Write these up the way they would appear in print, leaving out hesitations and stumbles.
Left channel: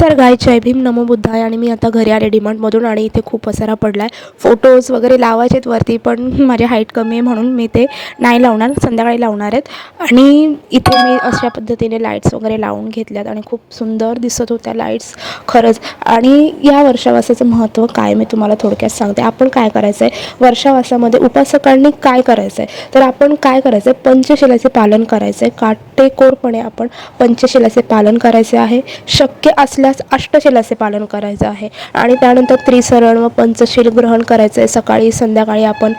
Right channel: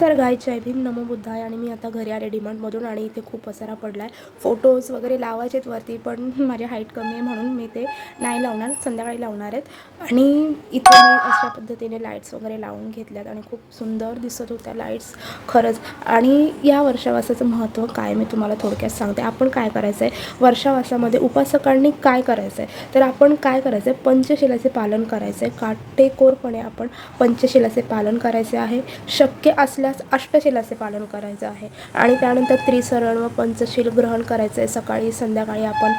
तर गाय जय भीम नमो बुद्धाय. आणि मी आता घरी आले डीमार्टमधून आणि इथे खूप पसारा पडला आहे. फोटोज वगैरे लावायचेत वरती, पण माझी हाईट कमी आहे म्हणून मी ते नाही लावणार, संध्याकाळी लावणार आहेत. आणि इथे मी अशा पद्धतीने लाईट्स वगैरे लावून घेतल्यात आणि खूप सुंदर दिसत होत्या लाईट्स खरंच. आणि या वर्षावासाचं महत्त्व काय मी तुम्हाला थोडक्यात सांगते. आपण काय करायचं आहे वर्षावासामध्ये, उपासकांनी काय करायचं आहे, तर आपण काय करायचं आहे, पंचशिलाचे पालन करायचं आहे. काटेकोरपणे आपण पंचशिलाचे पालन करायचे आहे. शक्य असल्यास अष्टशिलाचे पालन करायचं आहे. आणि त्यानंतर त्रिसरण व पंचशील ग्रहण करायचं आहे. सकाळी संध्याकाळी आपण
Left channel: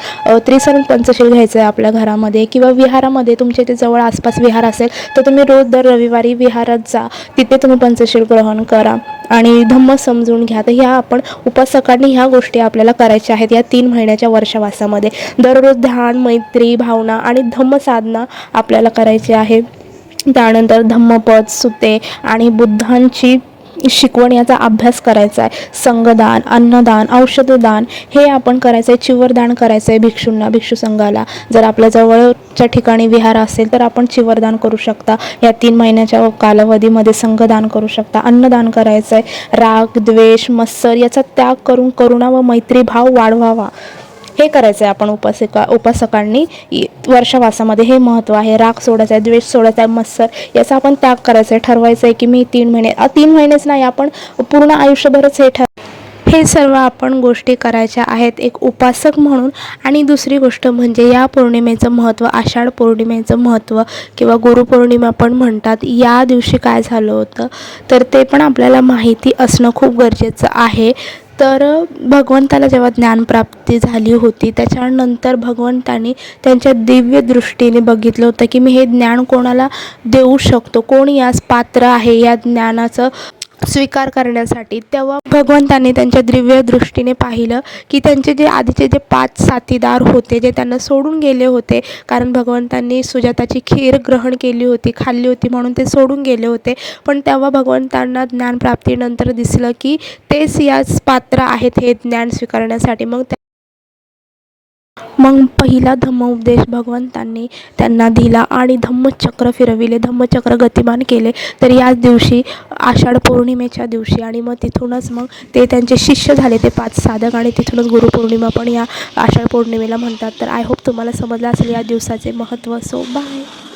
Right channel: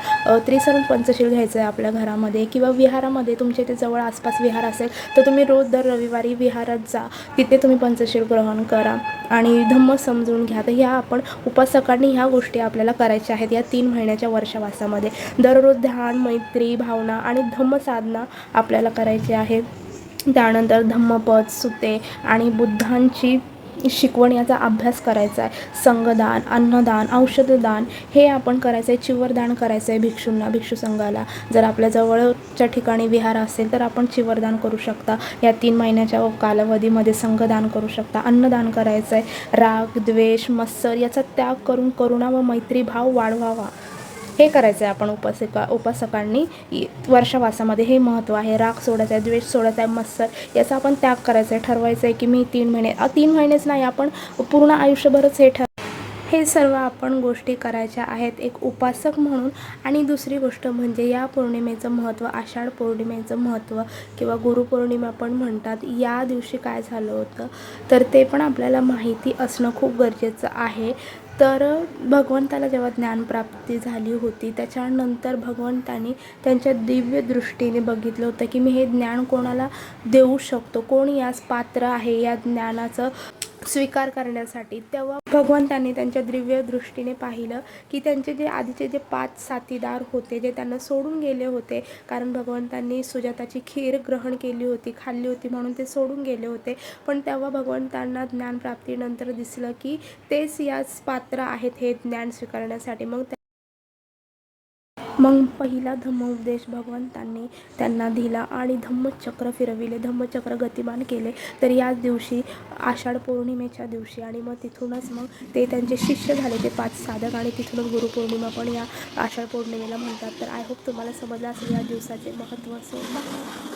त्रिसरण पंचशील घ्यायचं आहे आपल्या घरामध्ये किंवा विहारामध्ये. तुमच्या इथे जवळ आसपास विहार असेल तर तुम्ही रोज दर रविवारी विहारात जा, तिथे तुम्ही पंचशील ग्रहण करा आणि धम्म समजून घ्या. तर ह्या आपण उपासकांनी ह्या गोष्टी आपल्याला करायच्या आहेत या 3 महिन्याच्या वर्षवासामध्ये. दररोज ध्यान, मैत्री, भावना आणि धम्म साधना आपल्याला करायची आहे. त्यानंतर धम्मपद, सुते आणि बुद्धांची शिकवण याचा अभ्यास करायचा आहे. संगदान, अन्नदान, औषधदान हे आपण करायचं आहे. चिवरदान करायचं आहे भिक्षूंना, भिक्षू संघाला. जर आपल्या जवळच्या ठिकाणी विहार असेल तर आपण चिवरदान करू शकता. या 3 महिन्याच्या कालावधीमध्ये संगदान करू शकता. अन्नदान करायचं आहे. राग, द्वेष, मत्सर याचा त्याग करून करुणा व मैत्री भाव वाढवावा, हे करायचं आहे आपण उपासकांनी वर्षवासामध्ये. हे महत्त्व आहे. राग सोडायचा आहे, द्वेष सोडायचा आहे, मत्सर याचा आपण त्याग करायचा आहे. ठरवायचं आहे की मी 3 महिनेच नाही, आपण पूर्ण आयुष्यभरच हे सर्व आपण गोष्टी करायच्या आहेत एक उपासक म्हणून. आणि दुसरी गोष्ट म्हणजे या पौर्णिमेचं महत्त्व, आषाढ पौर्णिमेचं महत्त्व किंवा गुरुपौर्णिमा पण म्हणतात. या दिवशी काय झालं होतं तर ते पण आपल्याला माहिती असणं खूप गरजेचं आहे. तर भगवंताला जेव्हा ज्ञानप्राप्ती झाली होती त्याच्यानंतर भगवंतांनी त्यांच्या दिव्य दृष्टीने बघितलं होतं की मी हे ज्ञान कोणाला देऊ शकतो, कोण यास पात्र आहे या ज्ञानाचं स्वीकार करण्यासाठी. तेव्हा भगवंतांनी त्यांच्या दिव्य दृष्टीने पाहिलं की त्यांचे जे आधीचे जे 5 साथीदार होते जे त्यांना सोडून गेले होते, कारण भगवंतांनी सुजाताची खीर ग्रहण केली होती, खाल्ली होती म्हणून ते सोडून गेले होते. पण तेव्हा भगवंतांना ज्ञानप्राप्तीनंतर दिसलं की तेच याच पात्र आहेत हे ज्ञान स्वीकारण्यासाठी. मग पहिला धम्मोपदेश भगवंतांनी त्यांना दिला आणि धम्मचक्र फिरविले, धम्मचक्र गतिमान केले. तर याच दिवशी आषाढ पौर्णिमेच्या दिवशी आणि मग तिथूनच मग ते त्यांचे शिष्य झाले, ते 5 साधक. आणि तिथूनच गुरुपौर्णिमा पण या आषाढ पौर्णिमेला म्हणतात. तर आय होप तुम्हाला समजलं असेल या दिवसाचे महत्त्व. So bye.